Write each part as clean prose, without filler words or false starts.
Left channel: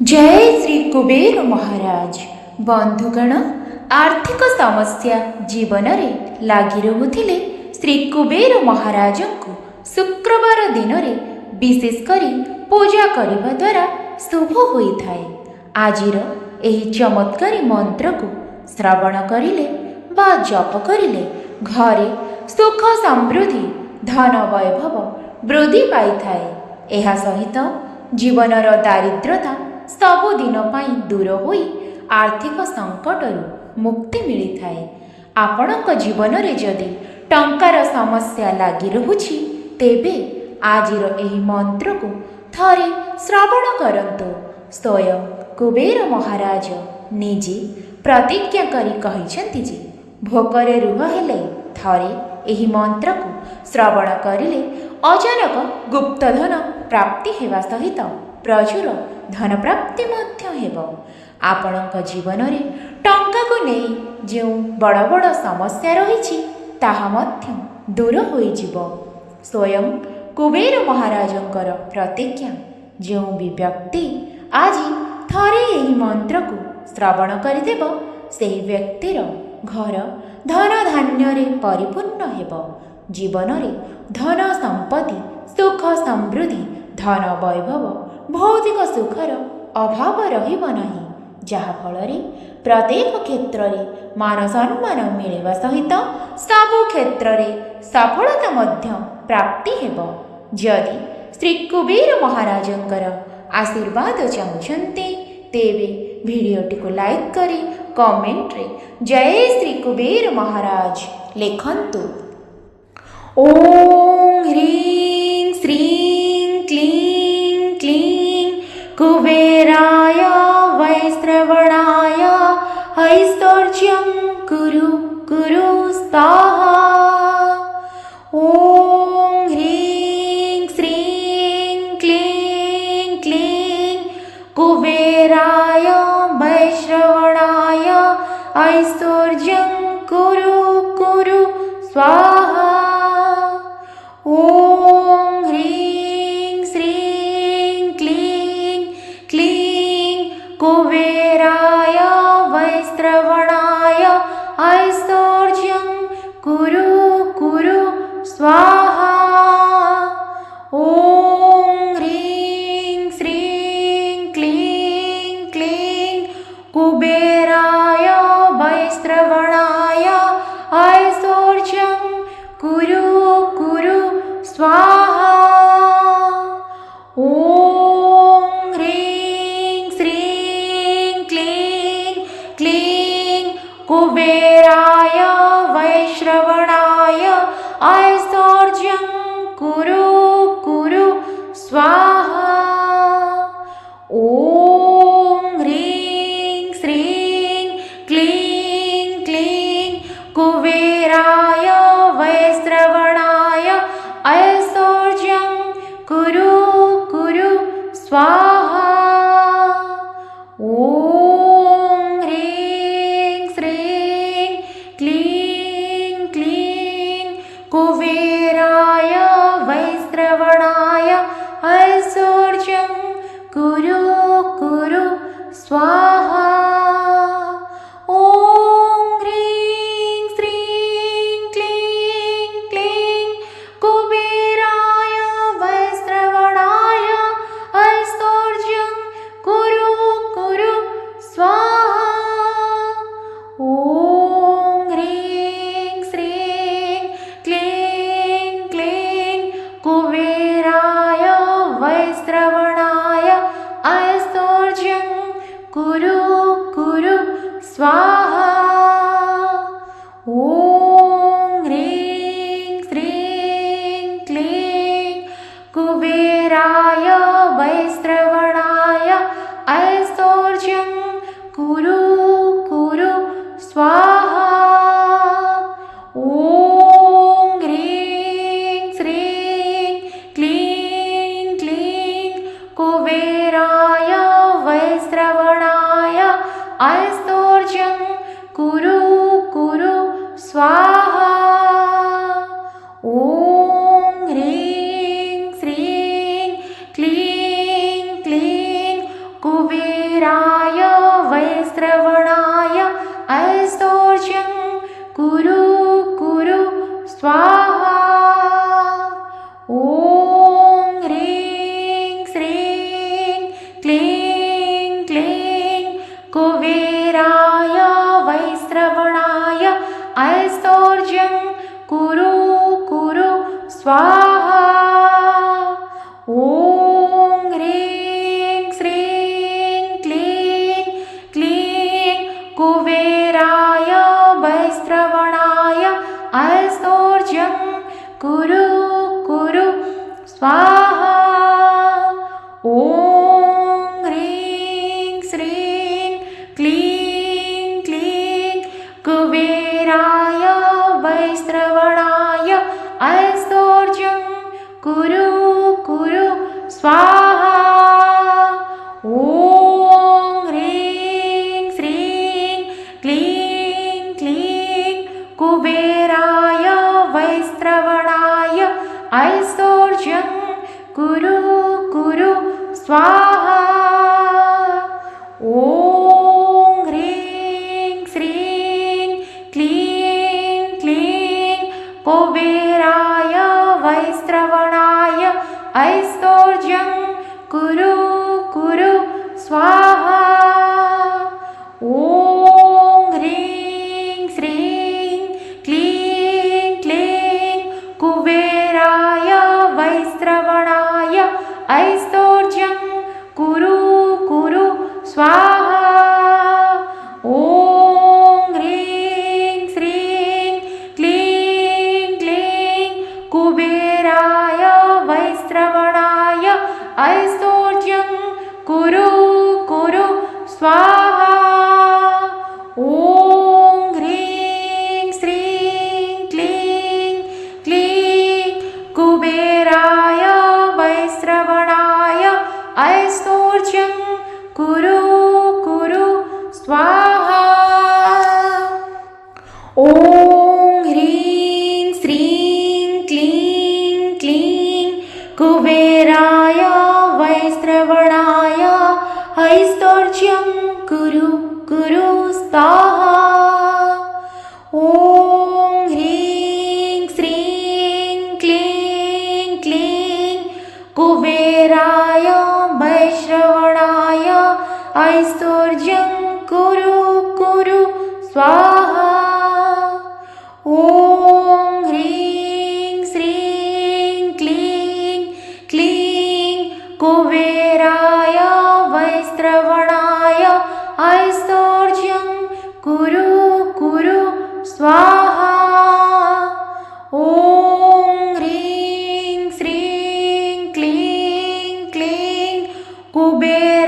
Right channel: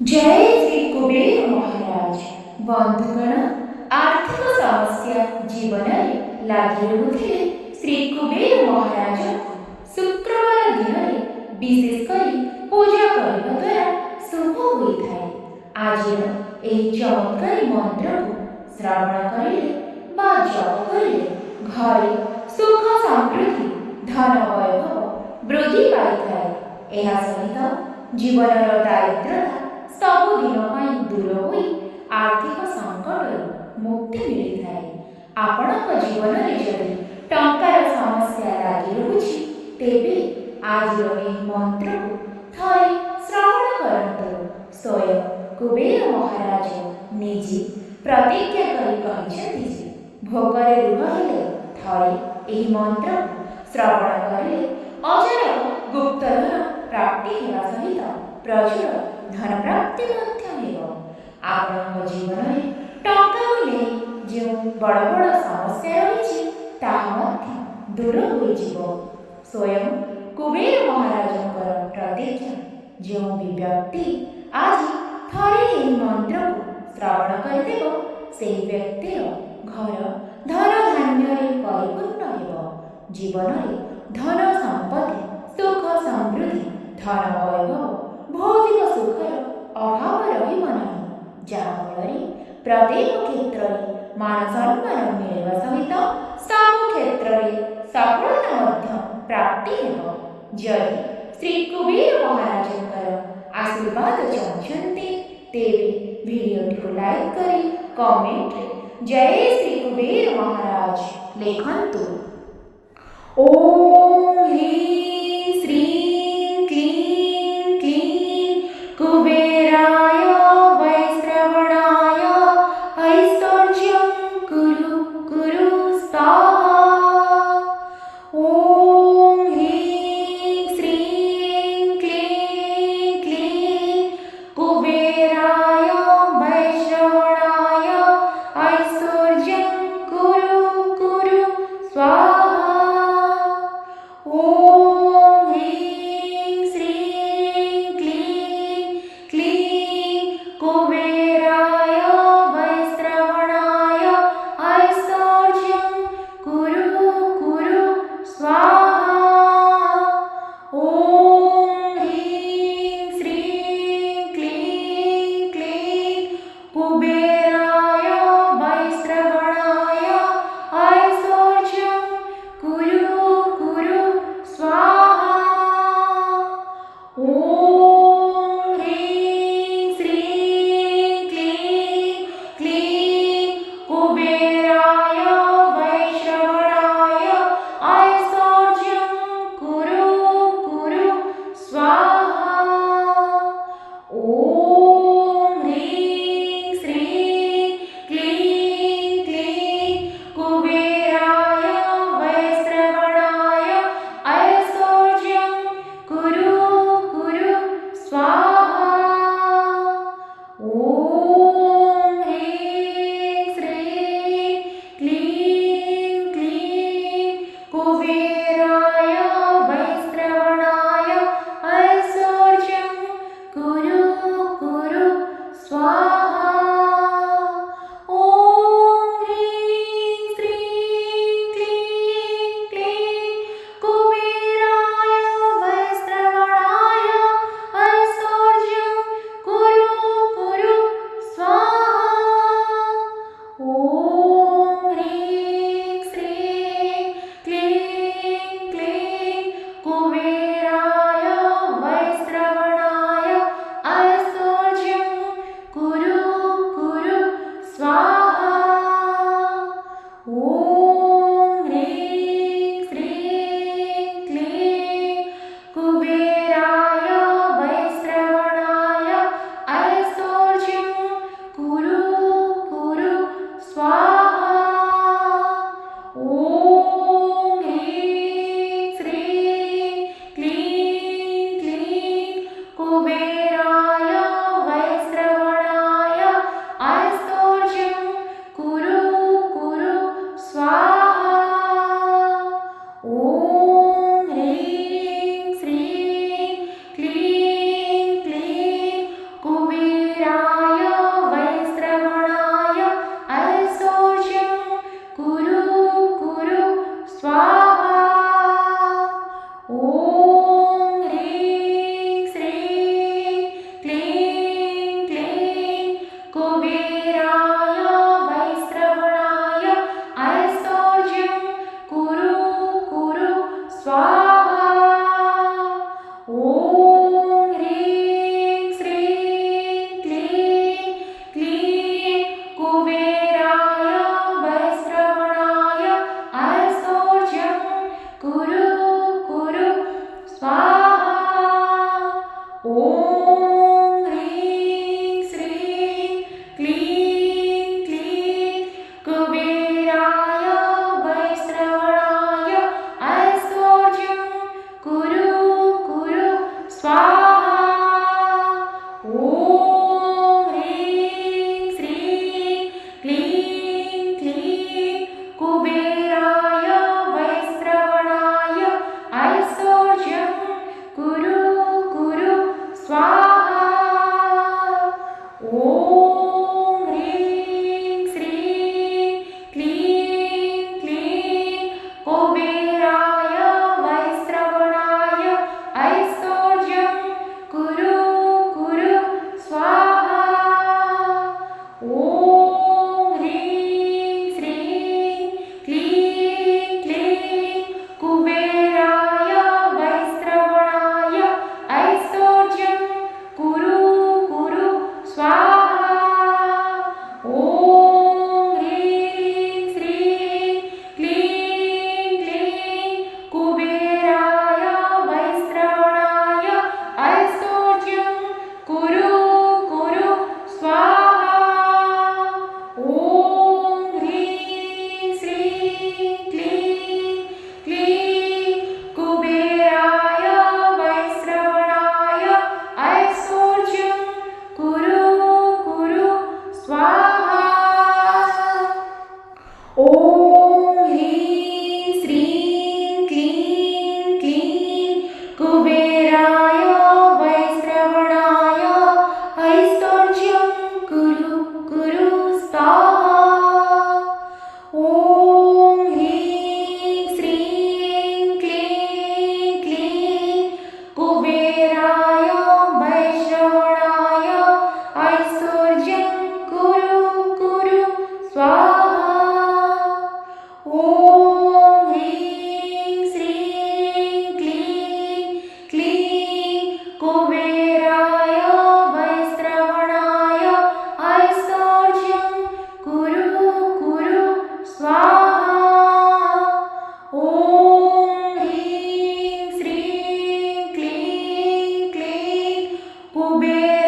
जय श्री कुबेर महाराज। बंधुगण, आर्थिक समस्या जीवन में लगी रहुथिले श्री कुबेर महाराज को शुक्रवार दिन में विशेषकर पूजा करने द्वारा शुभ होता है। आजिर यही चमत्कारी मंत्र को श्रवण करिले बा जप करिले घरे सुख समृद्धि धन वैभव वृद्धि पाई थाए। यह सहित जीवनर दारिद्रता सबुदिन दूर हो आर्थिक संकट मुक्ति मिली थाए। आपणक जीवन में जदि टंकार समस्या लगी रहुछि तेबे आजिर एही मंत्र को थरे श्रवण करंतु। स्वयं कुबेर महाराज निजे प्रतिज्ञा करी कहिसेंति जे भोकरे रुह हेले थरे एही मंत्र को श्रवण करिले अचानक गुप्तधन प्राप्ति हेबा सहित प्रचुर धन प्राप्ति मध्य हेब। आपणक जीवन में टंका को नहीं जो बड़ बड़ समस्या रही ताहा मध्य दूर होइजिब। स्वयं कुबेर महाराजंकर प्रतिज्ञा जो भी व्यक्ति आज थरे यही मंत्र को श्रवण करदेब से व्यक्तिर घर धन धान्य परिपूर्ण हेब। जीवन में धन संपत्ति सुख समृद्धि धन वैभव भौतिक सुखर अभाव रहिब नाही, जहाँफल प्रत्येक क्षेत्र में मान सम्मान मिलवा सहित सबु क्षेत्र में सफलता मध्य प्राप्ति हेब। जदि श्री कुबेर महाराजंकर आशीर्वाद चाहते तेबे भिडियोटी को लाइक करी कमेंट रे जय श्री कुबेर महाराज लिखंतु। ओम ह्रीं श्रीं क्लीं क्लीं कुबेराय वैश्रवणाय ऐश्वर्यं कुरु कुरु स्वाहा। ओम ह्रीं श्रीं क्लीं क्लीं कुबेराय वैश्रवणाय ऐश्वर्यं कुरु कुरु स्वाहा। ओम ह्रीं श्रीं क्लीं क्लीं कुबेराय वैश्रवणाय ऐश्वर्यं कुरु कुरु स्वाहा। ओम ह्रीं श्रीं क्लीं क्लीं कुबेराय वैश्रवणाय ऐश्वर्यं कुरु कुरु स्वाहा। ओम ह्रीं श्रीं क्लीं क्लीं कुबेराय वैश्रवणाय ऐश्वर्यं कुरु कुरु स्वाहा। ओम ह्रीं श्रीं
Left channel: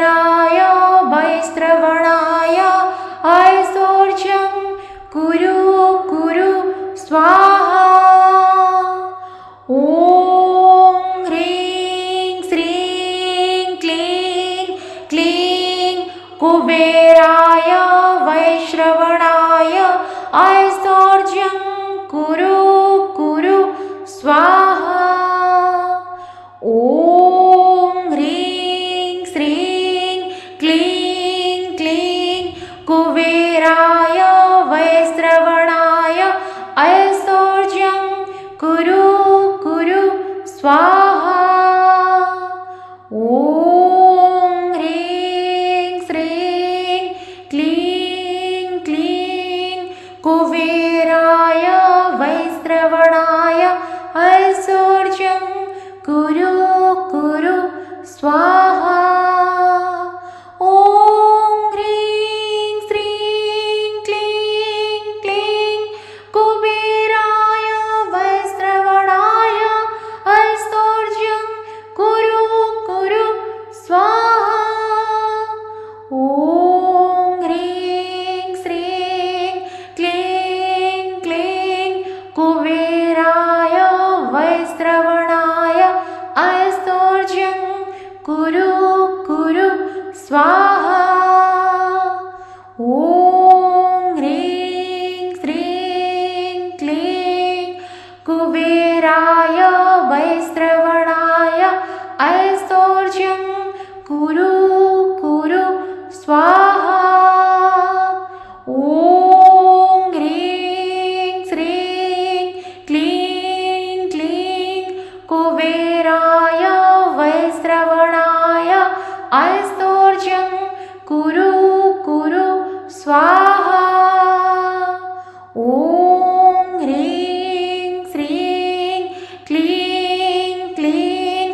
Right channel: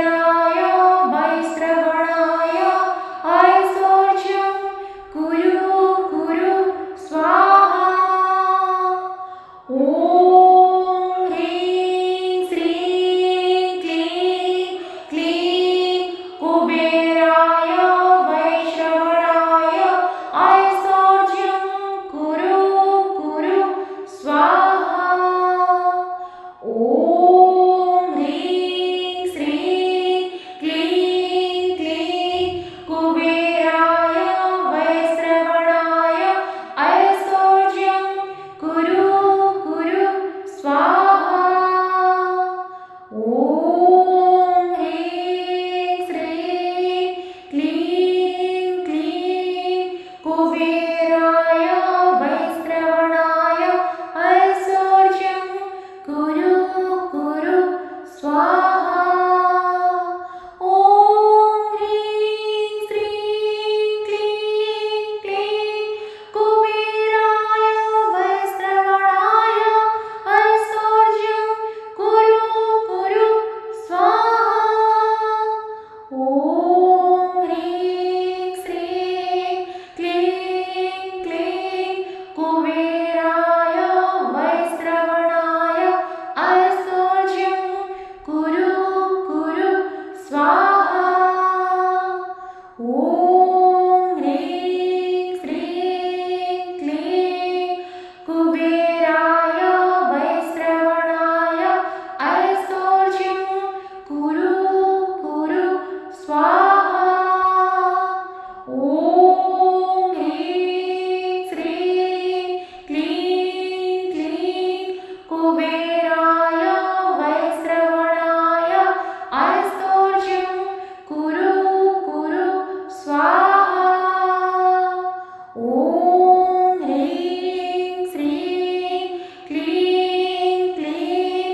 कुबेराय वैश्रवणाय ऐश्वर्यं कुरु कुरु स्वाहा। ॐ ह्रीं श्रीं क्लीं क्लीं कुबेराय वैश्रवणाय ऐश्वर्यं कुरु कुरु स्वाहा। ॐ ह्रीं श्रीं क्लीं क्लीं कुबेराय वैश्रवणाय ऐश्वर्यं कुरु कुरु स्वाहा। ॐ ह्रीं श्रीं क्लीं क्लीं कुबेराय वैश्रवणाय ऐश्वर्यं कुरु कुरु स्वाहा। ॐ ह्रीं श्रीं क्लीं क्लीं कुबेराय वैश्रवणाय ऐश्वर्यं कुरु कुरु स्वाहा। ॐ ह्रीं श्रीं क्लीं क्लीं कुबेराय वैश्रवणाय ऐश्वर्यं कुरु कुरु स्वाहा। ॐ ह्रीं श्रीं क्लीं कुबेराय वैश्रवणाय ऐश्वर्यं कुरु कुरु स्वाहा। ॐ ह्रीं श्रीं क्लीं क्लीं कुबेराय वैश्रवणाय ऐश्वर्यं कुरु कुरु स्वाहा। ॐ ह्रीं श्रीं क्लीं क्लीं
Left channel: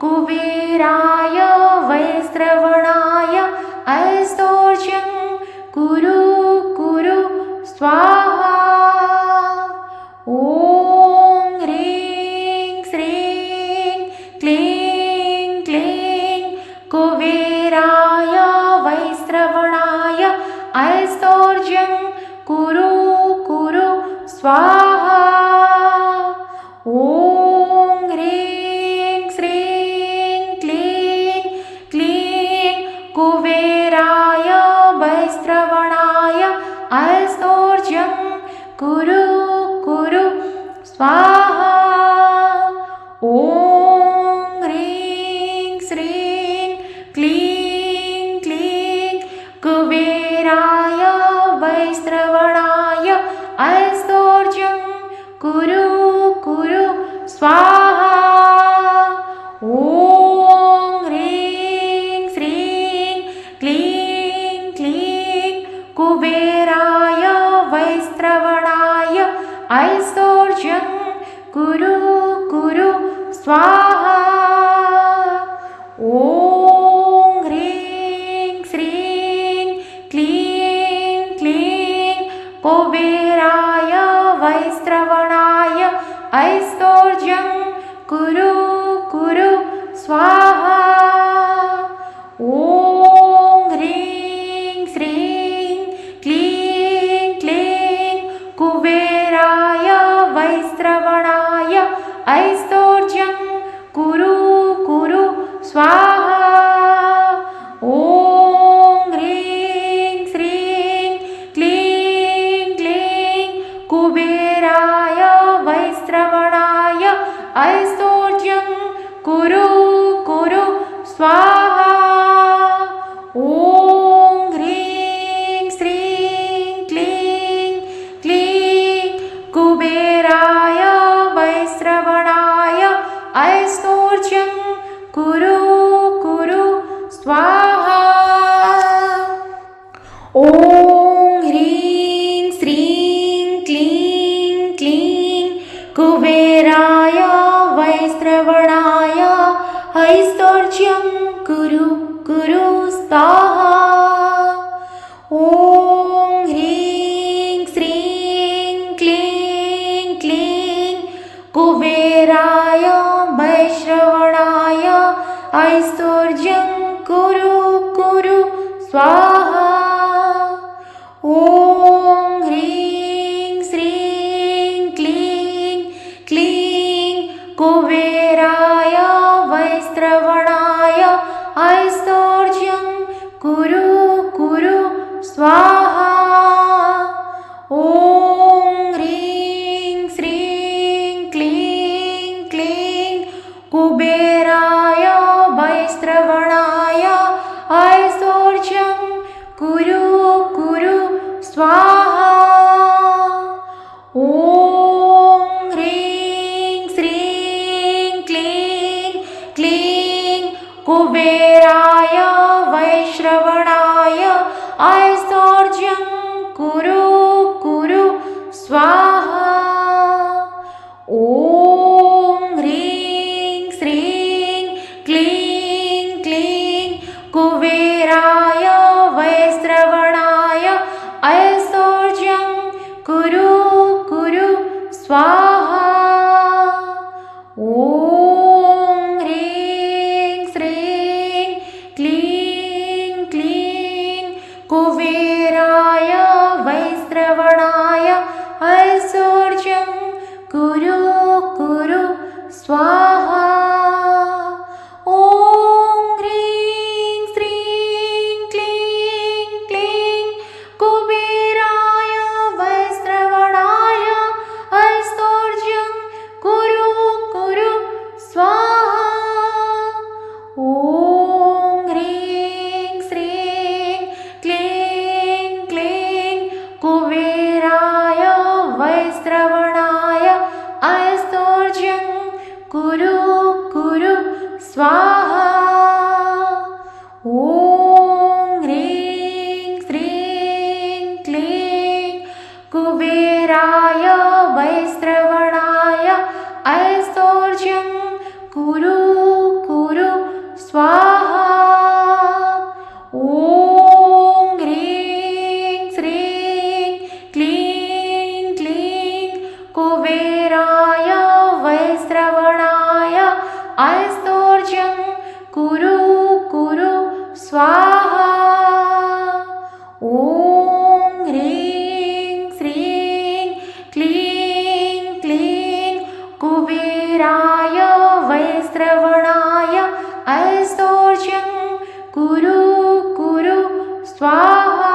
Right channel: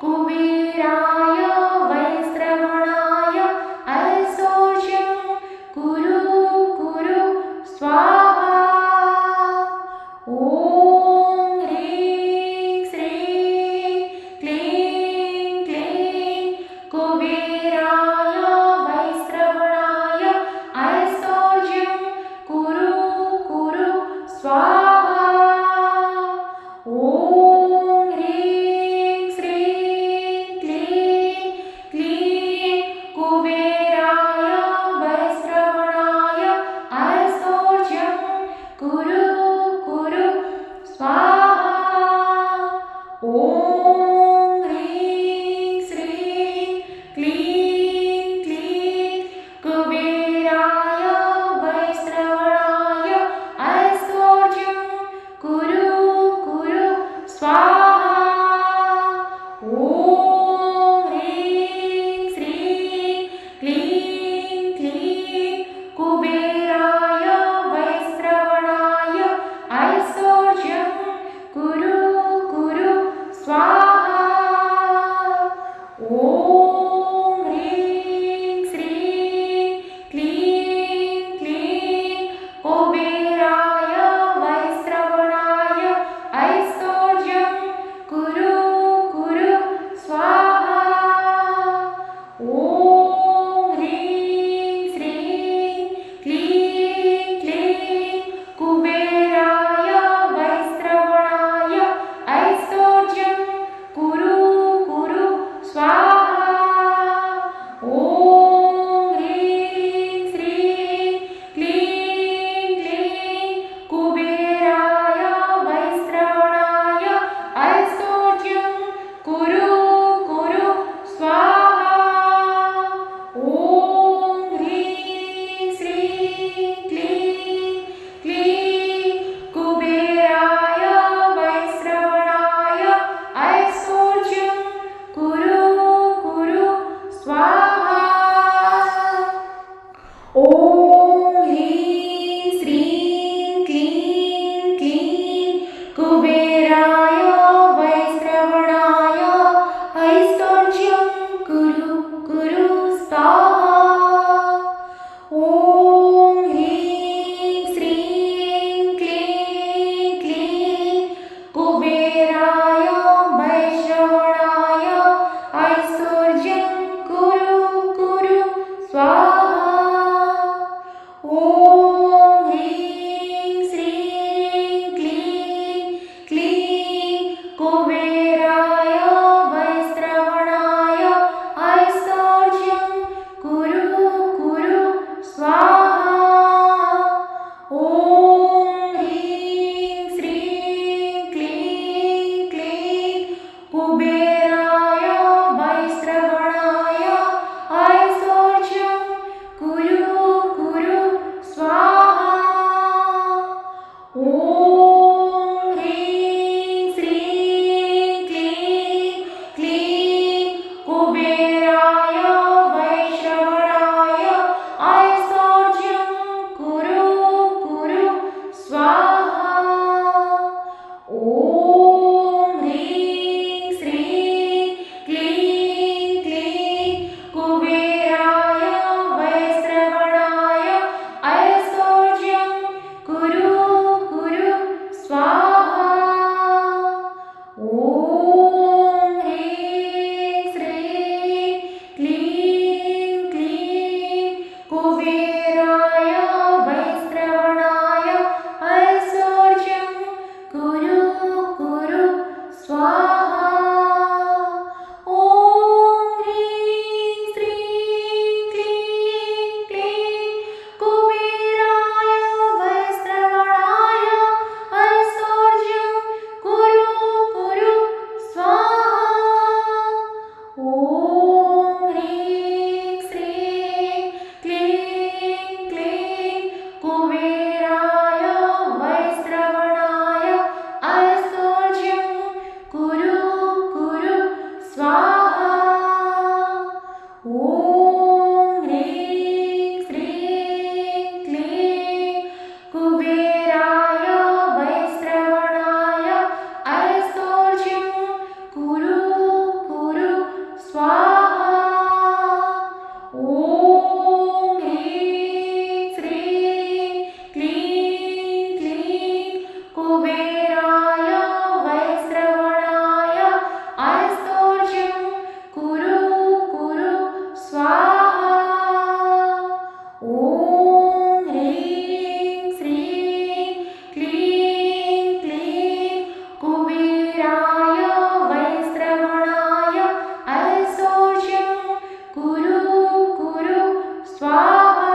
कुबेराय वैश्रवणाय ऐश्वर्यं कुरु कुरु स्वाहा। ॐ ह्रीं श्रीं क्लीं क्लीं कुबेराय वैश्रवणाय ऐश्वर्यं कुरु कुरु स्वाहा। ॐ ह्रीं श्रीं क्लीं क्लीं कुबेराय वैश्रवणाय ऐश्वर्यं कुरु कुरु स्वाहा। ॐ ह्रीं श्रीं क्लीं क्लीं कुबेराय वैश्रवणाय ऐश्वर्यं कुरु कुरु स्वाहा। ॐ ह्रीं श्रीं क्लीं क्लीं कुबेराय वैश्रवणाय ऐश्वर्यं कुरु कुरु स्वाहा। ॐ ह्रीं श्रीं क्लीं क्लीं कुबेराय वैश्रवणाय ऐश्वर्यं कुरु कुरु स्वाहा। ॐ ह्रीं श्रीं क्लीं क्लीं कुबेराय वैश्रवणाय ऐश्वर्यं कुरु कुरु स्वाहा। ॐ स्वाहा। ॐ ह्रीं श्रीं क्लीं क्लीं कुबेराय वैश्रवणाय ऐश्वर्यं कुरु कुरु स्वाहा। ॐ ह्रीं श्रीं क्लीं क्लीं कुबेराय वैश्रवणाय ऐश्वर्यं कुरु कुरु स्वाहा। ॐ ह्रीं श्रीं क्लीं क्लीं कुबेराय वैश्रवणाय ऐश्वर्यं कुरु कुरु स्वाहा। ॐ ह्रीं श्रीं क्लीं क्लीं कुबेराय वैश्रवणाय ऐश्वर्यं कुरु कुरु स्वाहा। ॐ ह्रीं श्रीं क्लीं क्लीं कुबेराय वैश्रवणाय ऐश्वर्यं कुरु कुरु स्वाहा। ॐ ह्रीं श्रीं क्लीं क्लीं कुबेराय वैश्रवणाय ऐश्वर्यं कुरु कुरु स्वाहा। ॐ ह्रीं श्रीं क्लीं क्लीं कुबेराय वैश्रवणाय ऐश्वर्यं कुरु कुरु स्वाहा। ॐ ह्रीं श्रीं क्लीं कुबेराय वैश्रवणाय ऐश्वर्यं कुरु कुरु स्वाहा। ॐ ह्रीं श्रीं क्लीं क्लीं कुबेराय वैश्रवणाय ऐश्वर्यं कुरु कुरु स्वाहा। ॐ ह्रीं श्रीं क्लीं क्लीं कुबेराय वैश्रवणाय ऐश्वर्यं कुरु कुरु स्वाहा।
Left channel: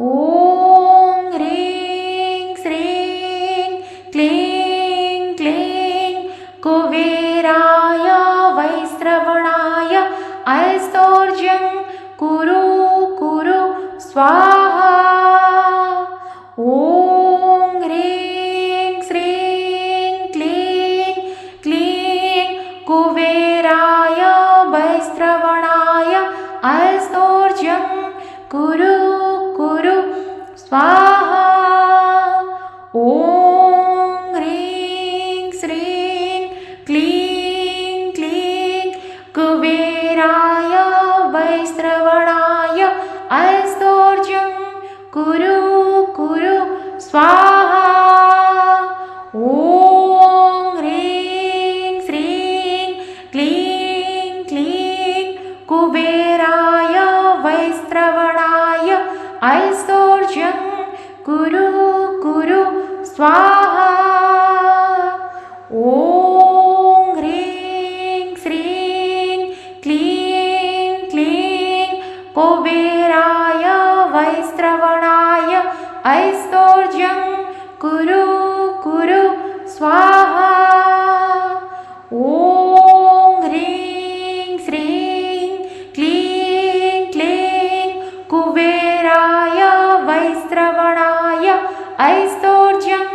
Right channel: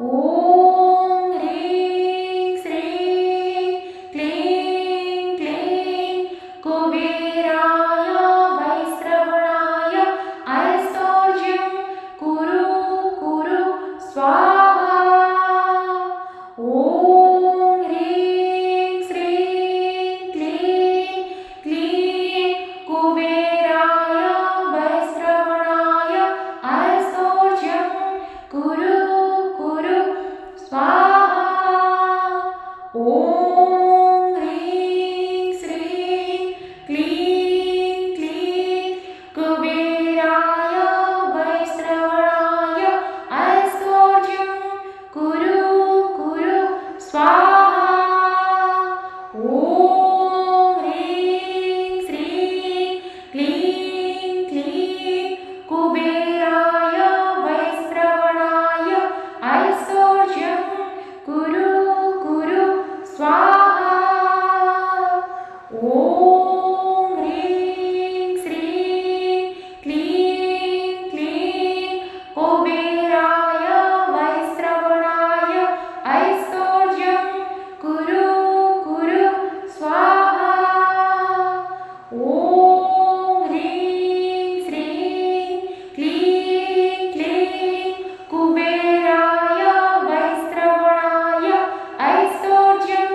ॐ ह्रीं श्रीं क्लीं क्लीं कुबेराय वैश्रवणाय ऐश्वर्यं कुरु कुरु स्वाहा। ॐ ह्रीं श्रीं क्लीं क्लीं कुबेराय वैश्रवणाय ऐश्वर्यं कुरु कुरु स्वाहा। ॐ ह्रीं श्रीं क्लीं क्लीं कुबेराय वैश्रवणाय ऐश्वर्यं कुरु कुरु स्वाहा। ॐ ह्रीं श्रीं क्लीं क्लीं कुबेराय वैश्रवणाय ऐश्वर्यं कुरु कुरु स्वाहा। ॐ ह्रीं श्रीं क्लीं क्लीं कुबेराय वैश्रवणाय ऐश्वर्यं कुरु कुरु स्वाहा। ॐ ह्रीं श्रीं क्लीं क्लीं कुबेराय वैश्रवणाय ऐश्वर्यं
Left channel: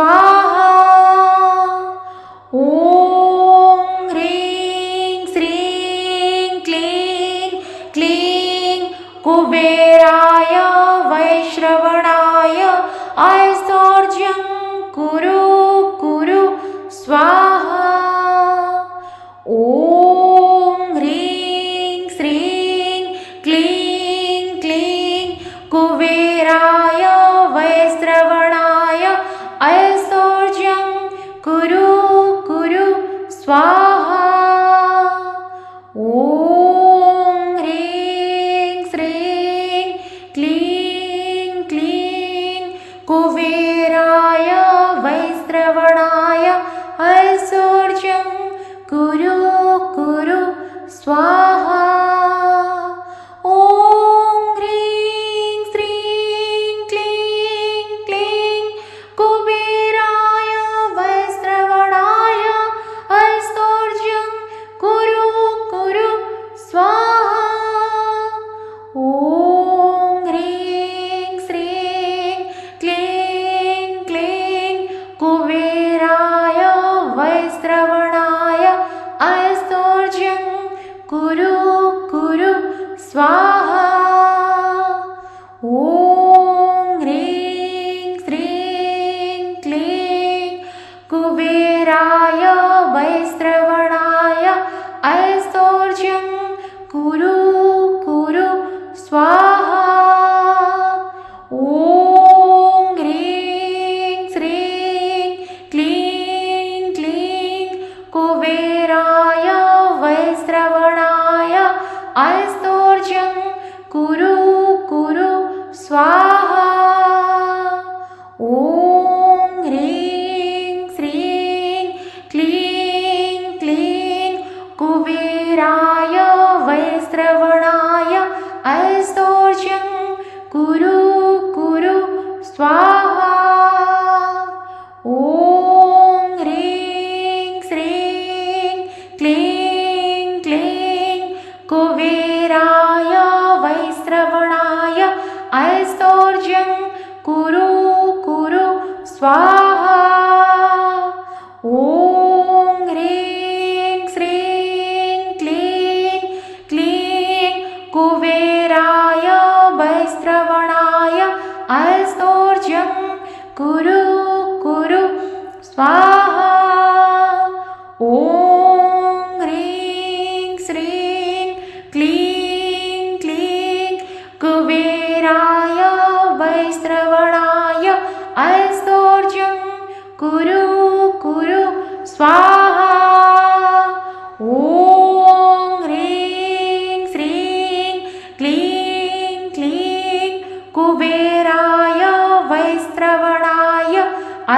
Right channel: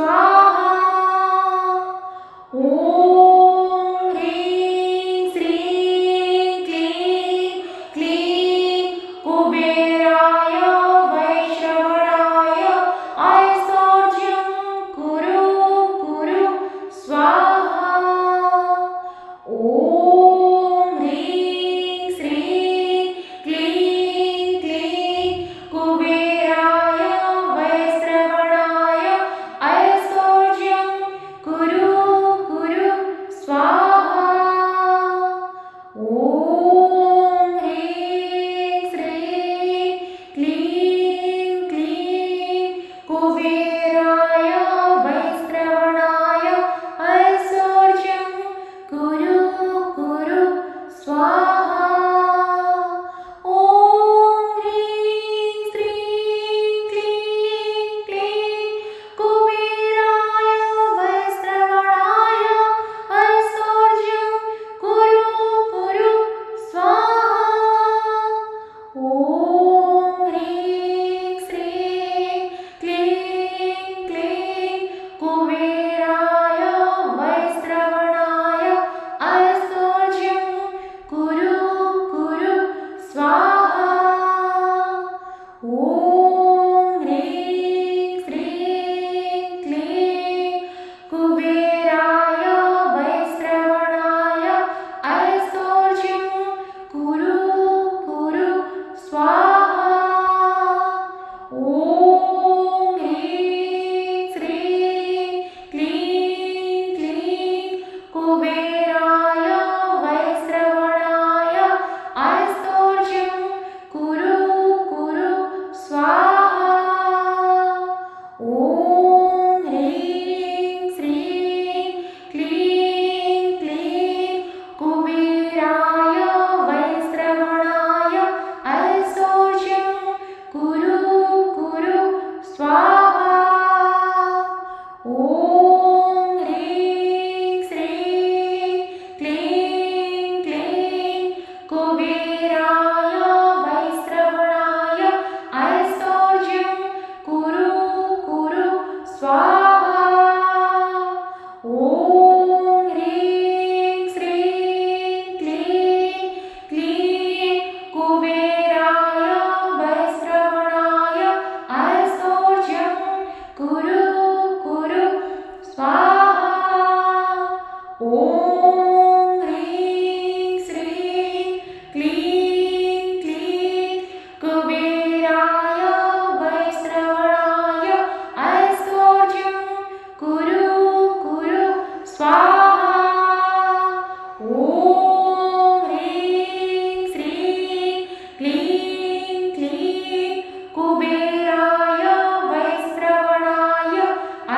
स्वाहा। ॐ ह्रीं श्रीं क्लीं क्लीं कुबेराय वैश्रवणाय ऐश्वर्यं कुरु कुरु स्वाहा। ॐ ह्रीं श्रीं क्लीं क्लीं कुबेराय वैश्रवणाय ऐश्वर्यं कुरु कुरु स्वाहा। ॐ ह्रीं श्रीं क्लीं क्लीं कुबेराय वैश्रवणाय ऐश्वर्यं कुरु कुरु स्वाहा। ॐ ह्रीं श्रीं क्लीं क्लीं कुबेराय वैश्रवणाय ऐश्वर्यं कुरु कुरु स्वाहा। ॐ ह्रीं श्रीं क्लीं क्लीं कुबेराय वैश्रवणाय ऐश्वर्यं कुरु कुरु स्वाहा। ॐ ह्रीं श्रीं क्लीं कुबेराय वैश्रवणाय ऐश्वर्यं कुरु कुरु स्वाहा। ॐ ह्रीं श्रीं क्लीं क्लीं कुबेराय वैश्रवणाय ऐश्वर्यं कुरु कुरु स्वाहा। ॐ ह्रीं श्रीं क्लीं क्लीं कुबेराय वैश्रवणाय ऐश्वर्यं कुरु कुरु स्वाहा। ॐ ह्रीं श्रीं क्लीं क्लीं कुबेराय वैश्रवणाय ऐश्वर्यं कुरु कुरु स्वाहा। ॐ ह्रीं श्रीं क्लीं क्लीं कुबेराय वैश्रवणाय ऐश्वर्यं कुरु कुरु स्वाहा। ॐ ह्रीं श्रीं क्लीं क्लीं कुबेराय वैश्रवणाय ऐश्वर्यं कुरु कुरु स्वाहा। ॐ ह्रीं श्रीं क्लीं क्लीं कुबेराय वैश्रवणाय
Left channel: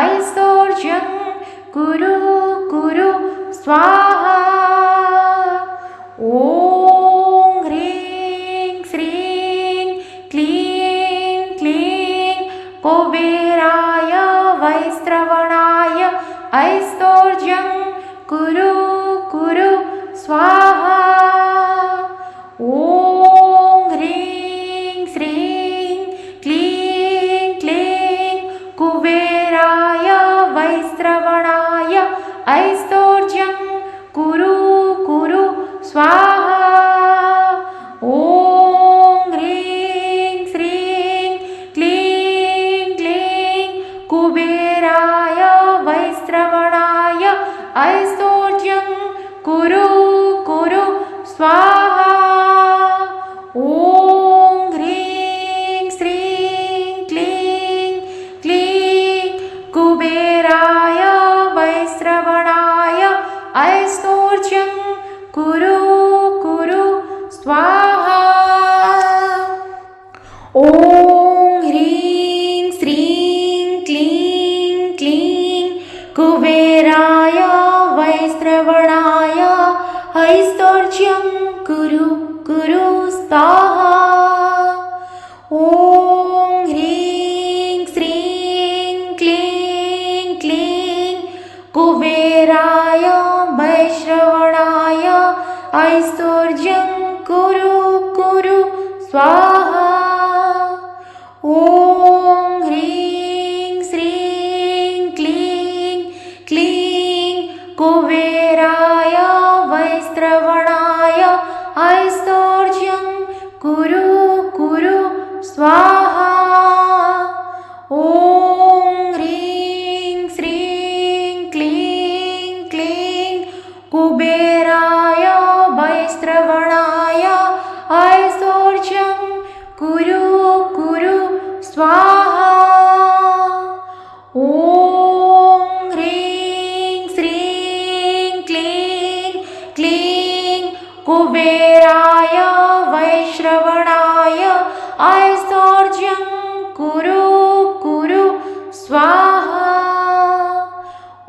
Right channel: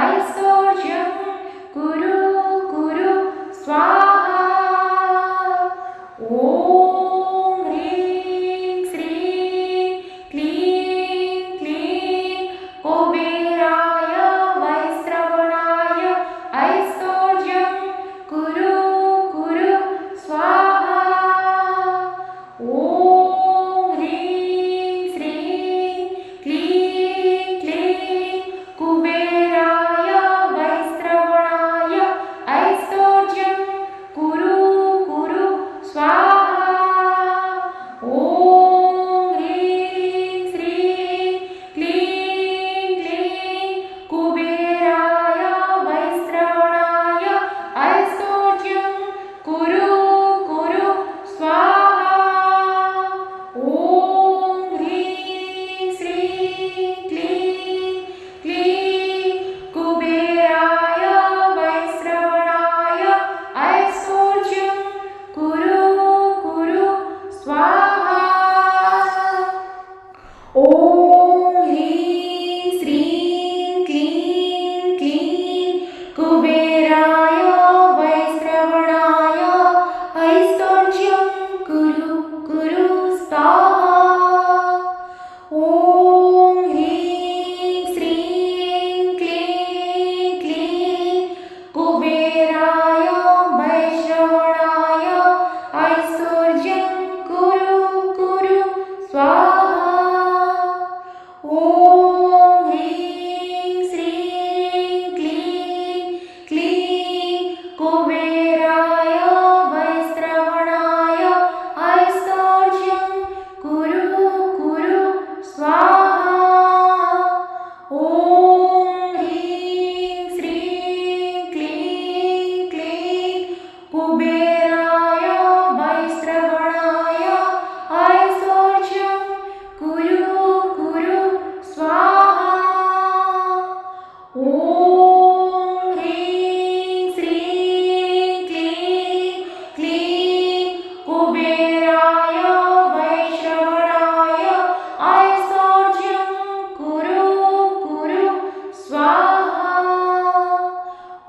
ऐश्वर्यं कुरु कुरु स्वाहा। ॐ ह्रीं श्रीं क्लीं क्लीं कुबेराय वैश्रवणाय ऐश्वर्यं कुरु कुरु स्वाहा। ॐ ह्रीं श्रीं क्लीं क्लीं कुबेराय वैश्रवणाय ऐश्वर्यं कुरु कुरु स्वाहा। ॐ ह्रीं श्रीं क्लीं क्लीं कुबेराय वैश्रवणाय ऐश्वर्यं कुरु कुरु स्वाहा। ॐ ह्रीं श्रीं क्लीं क्लीं कुबेराय वैश्रवणाय ऐश्वर्यं कुरु कुरु स्वाहा। ॐ ह्रीं श्रीं क्लीं क्लीं कुबेराय वैश्रवणाय ऐश्वर्यं कुरु कुरु स्वाहा। ॐ ह्रीं श्रीं क्लीं क्लीं कुबेराय वैश्रवणाय ऐश्वर्यं कुरु कुरु स्वाहा। ॐ ह्रीं श्रीं क्लीं कुबेराय वैश्रवणाय ऐश्वर्यं कुरु कुरु स्वाहा। ॐ ह्रीं श्रीं क्लीं क्लीं कुबेराय वैश्रवणाय ऐश्वर्यं कुरु कुरु स्वाहा।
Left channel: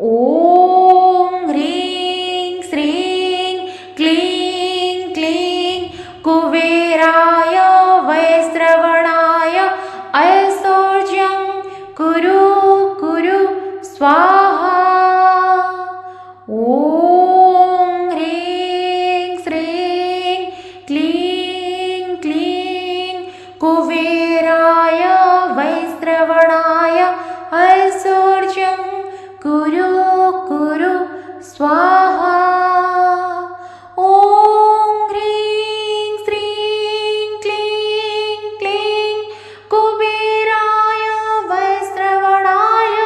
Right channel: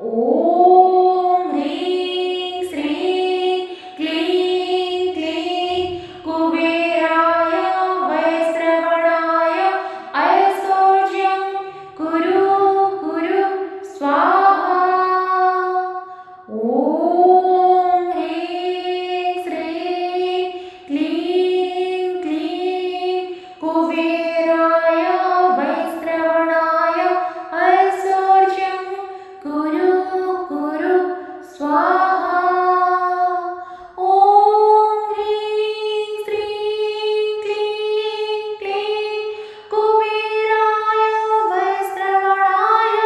ॐ ह्रीं श्रीं क्लीं क्लीं कुबेराय वैश्रवणाय ऐश्वर्यं कुरु कुरु स्वाहा। ॐ ह्रीं श्रीं क्लीं क्लीं कुबेराय वैश्रवणाय ऐश्वर्यं कुरु कुरु स्वाहा। ॐ ह्रीं श्रीं क्लीं क्लीं कुबेराय वैश्रवणाय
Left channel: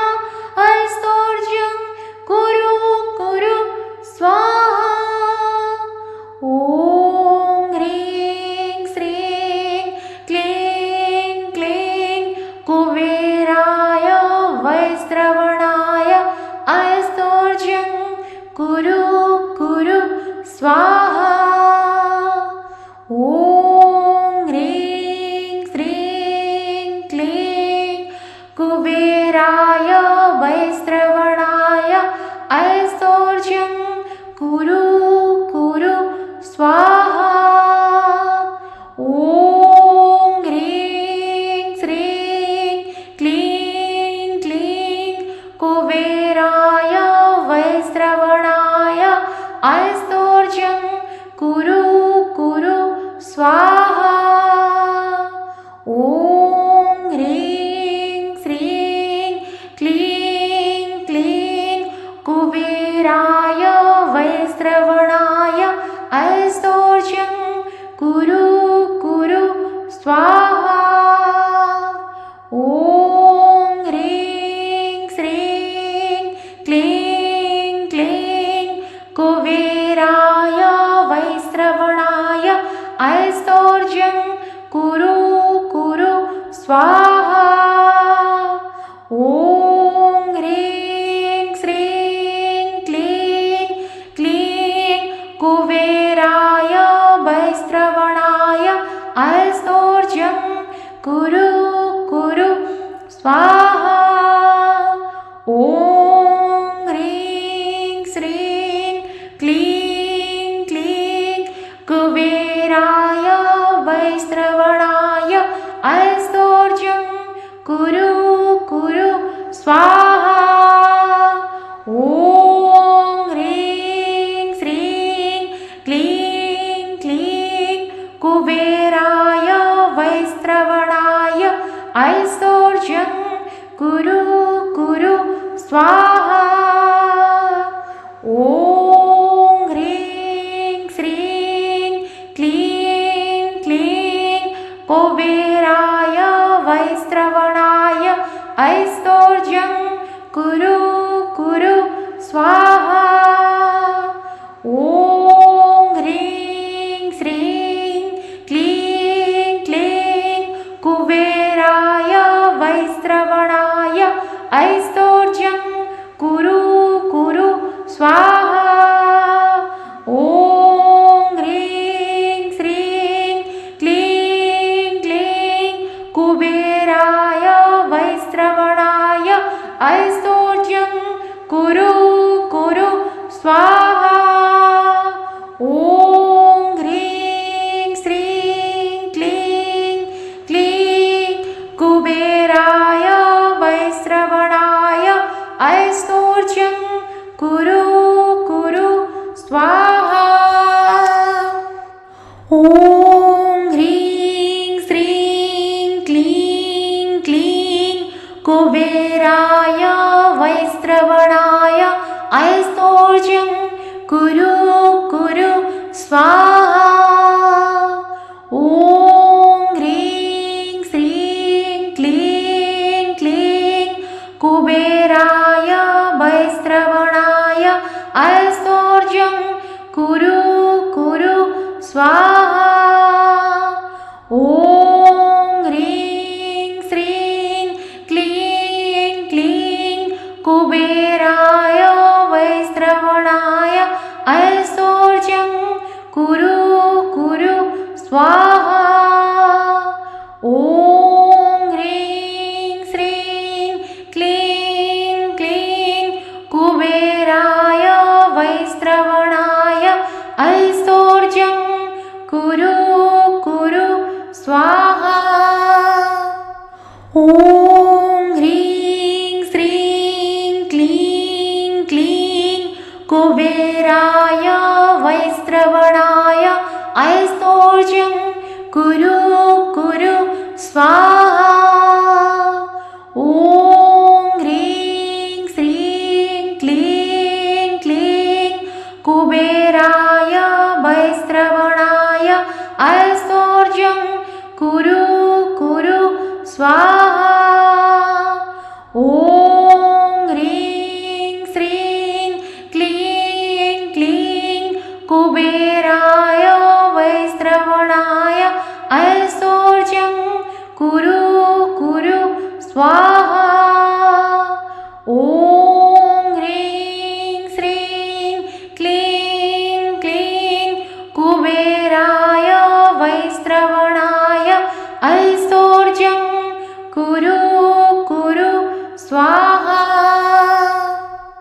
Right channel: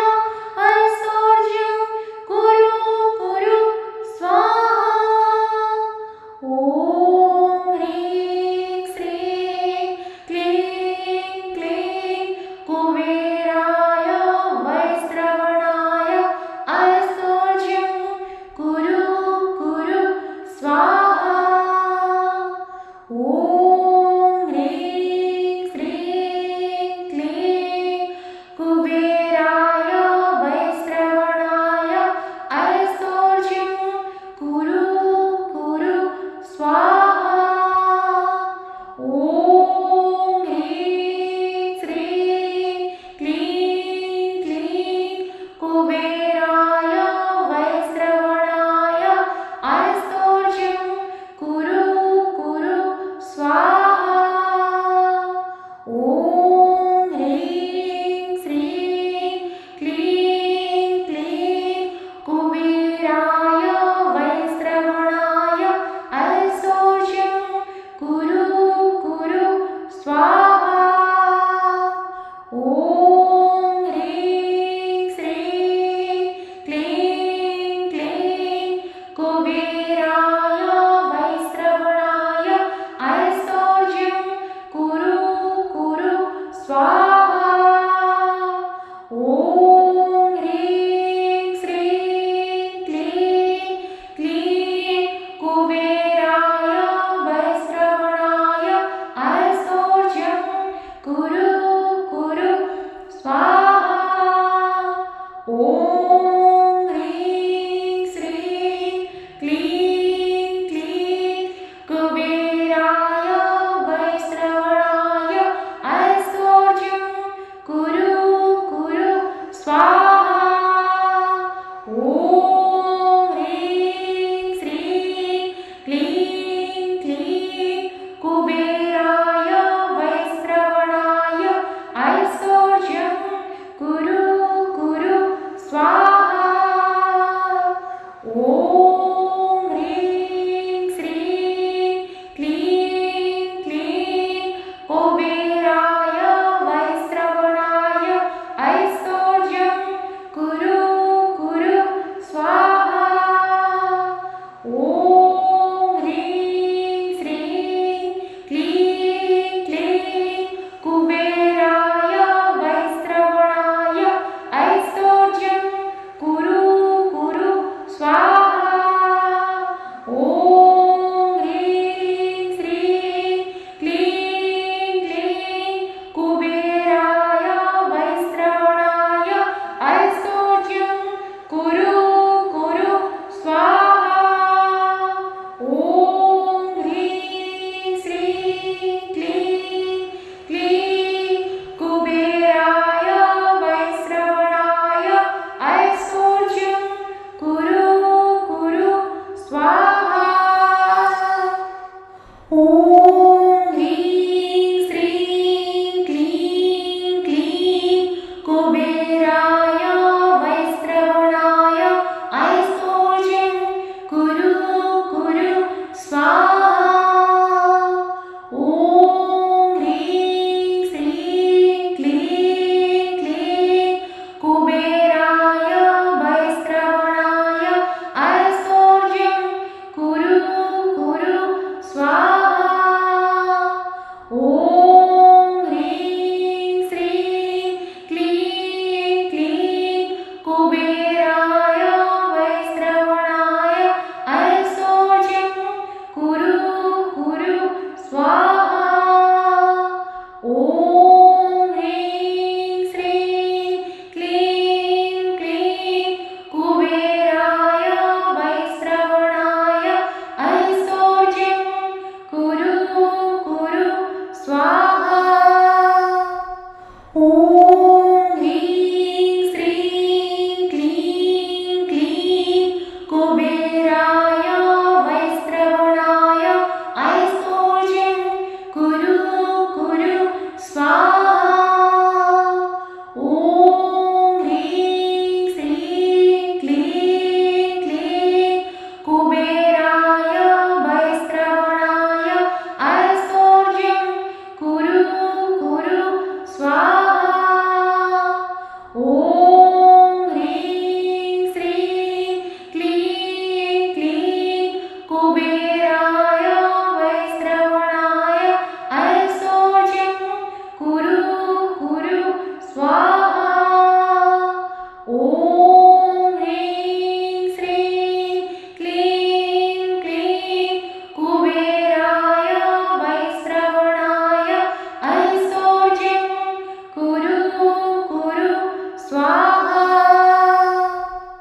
ऐश्वर्यं कुरु कुरु स्वाहा। ॐ ह्रीं श्रीं क्लीं क्लीं कुबेराय वैश्रवणाय ऐश्वर्यं कुरु कुरु स्वाहा। ॐ ह्रीं श्रीं क्लीं कुबेराय वैश्रवणाय ऐश्वर्यं कुरु कुरु स्वाहा। ॐ ह्रीं श्रीं क्लीं क्लीं कुबेराय वैश्रवणाय ऐश्वर्यं कुरु कुरु स्वाहा। ॐ ह्रीं श्रीं क्लीं क्लीं कुबेराय वैश्रवणाय ऐश्वर्यं कुरु कुरु स्वाहा। ॐ ह्रीं श्रीं क्लीं क्लीं कुबेराय वैश्रवणाय ऐश्वर्यं कुरु कुरु स्वाहा। ॐ ह्रीं श्रीं क्लीं क्लीं कुबेराय वैश्रवणाय ऐश्वर्यं कुरु कुरु स्वाहा। ॐ ह्रीं श्रीं क्लीं क्लीं कुबेराय वैश्रवणाय ऐश्वर्यं कुरु कुरु स्वाहा। ॐ ह्रीं श्रीं क्लीं क्लीं कुबेराय वैश्रवणाय ऐश्वर्यं कुरु कुरु स्वाहा। ॐ ह्रीं श्रीं क्लीं क्लीं कुबेराय वैश्रवणाय ऐश्वर्यं कुरु कुरु स्वाहा। ॐ ह्रीं श्रीं क्लीं क्लीं कुबेराय वैश्रवणाय ऐश्वर्यं कुरु कुरु स्वाहा। ॐ ह्रीं श्रीं क्लीं क्लीं कुबेराय वैश्रवणाय ऐश्वर्यं कुरु कुरु स्वाहा। ॐ ह्रीं श्रीं क्लीं क्लीं कुबेराय वैश्रवणाय ऐश्वर्यं कुरु कुरु स्वाहा। ॐ ह्रीं श्रीं क्लीं क्लीं कुबेराय वैश्रवणाय ऐश्वर्यं କୁବେର